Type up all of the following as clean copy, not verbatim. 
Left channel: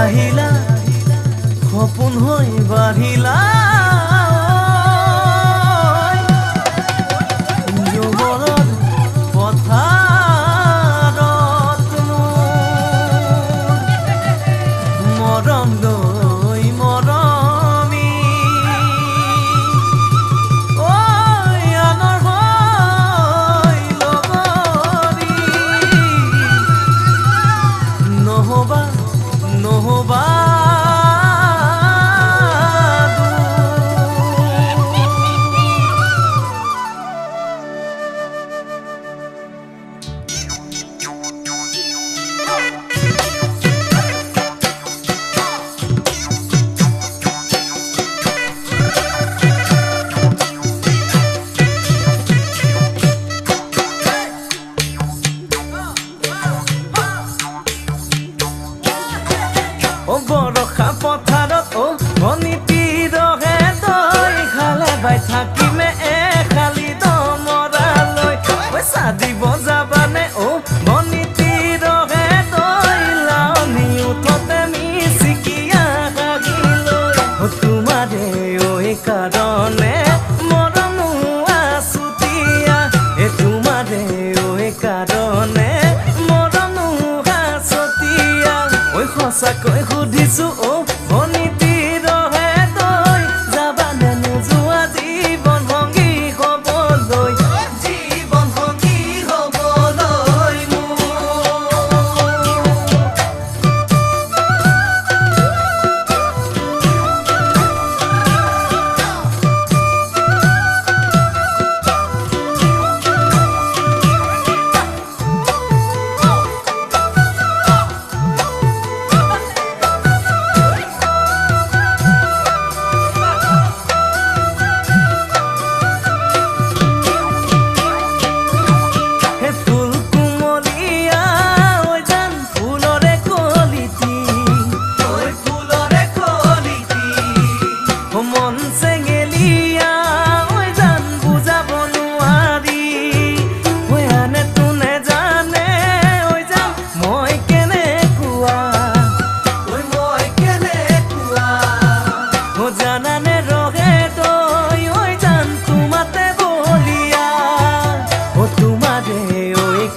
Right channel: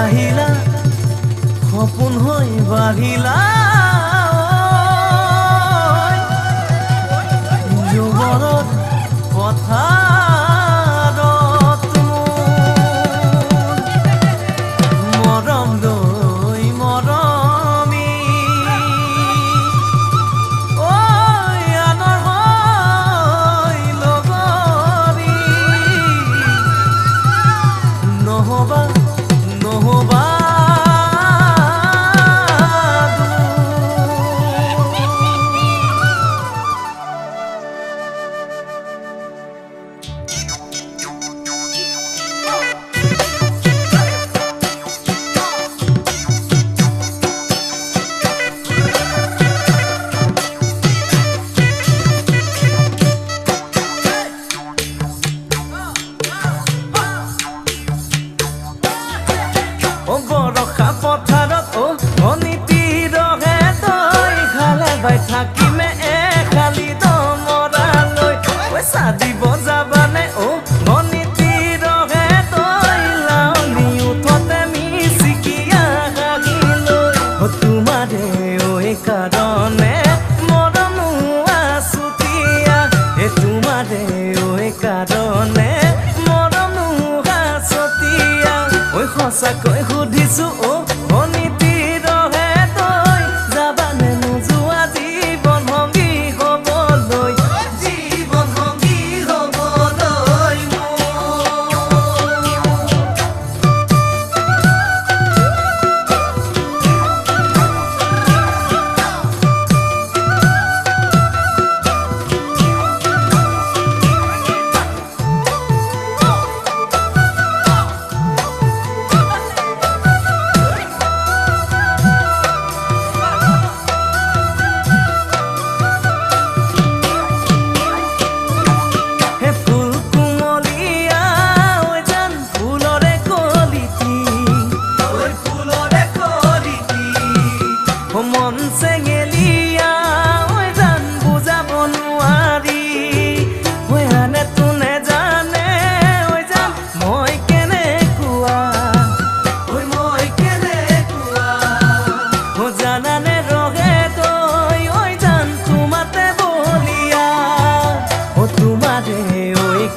আহিলা সপোন হৈ বাঢ়িলা যুৱৰত পথাৰত মৰম লৈ মৰমি আনৰ হৈ লগৰী নহবা নহবা বৰষা পথাৰত ভনীতিৰহে দৈ খালে বাই থাকিমে খালি দমৰালৈ চাদিব যাবানে ভনীতিৰহে দৈ লাৱনি উঠতে মিচিকিয়া হাগিলৈ তোমাৰে কাৰণে মৰম আছুতীয়া তোমাৰে কাৰণে মৰম হাছতীয়া সঁচাকৈ সুধিছো ভনীতিৰহে দৈ যাবানে নোযোৱা জীৱন সংগী হ'বলৈ মন চেঙেলিয়া জান বুজাব নোৱাৰি আনে তোনে জানে জান মই কেনেকুৱা জানানে ৰহে তই জান তোমাতে বলিয়া তোমাৰে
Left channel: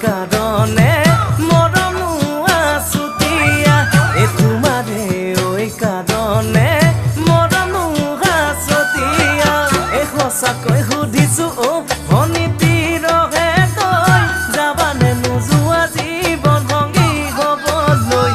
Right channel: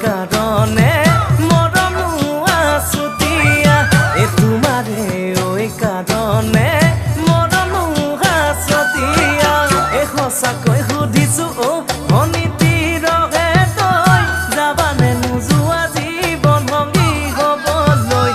কাৰণে মৰম আছুতীয়া তোমাৰে কাৰণে মৰম হাছতীয়া সঁচাকৈ সুধিছো ভনীতিৰহে তই যাবানে নোযোৱা জীৱন সংগী হ'বলৈ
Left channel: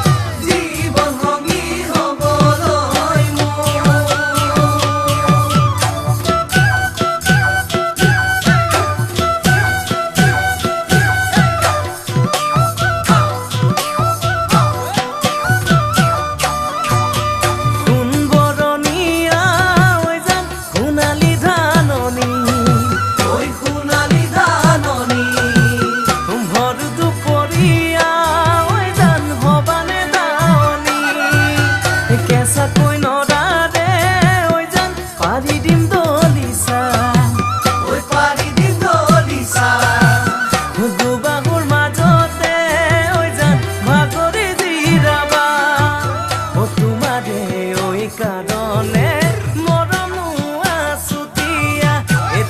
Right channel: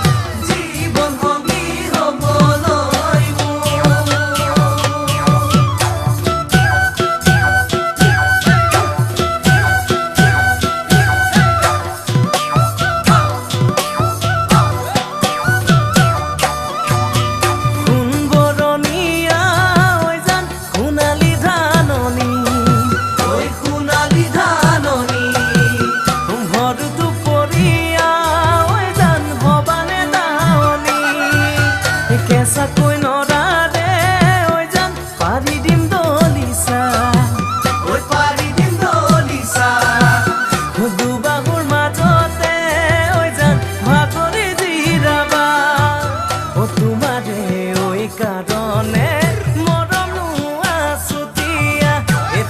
কেঁচাকৈ নৰাৰে জান পাৰি দিম দলিচা দুবাহুৰ মাজতে জান ভাগৰি জিৰাবা তোমাৰে কাৰণে মৰম আছুতীয়া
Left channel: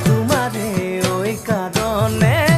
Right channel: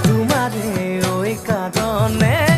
তোমাৰে কাৰণে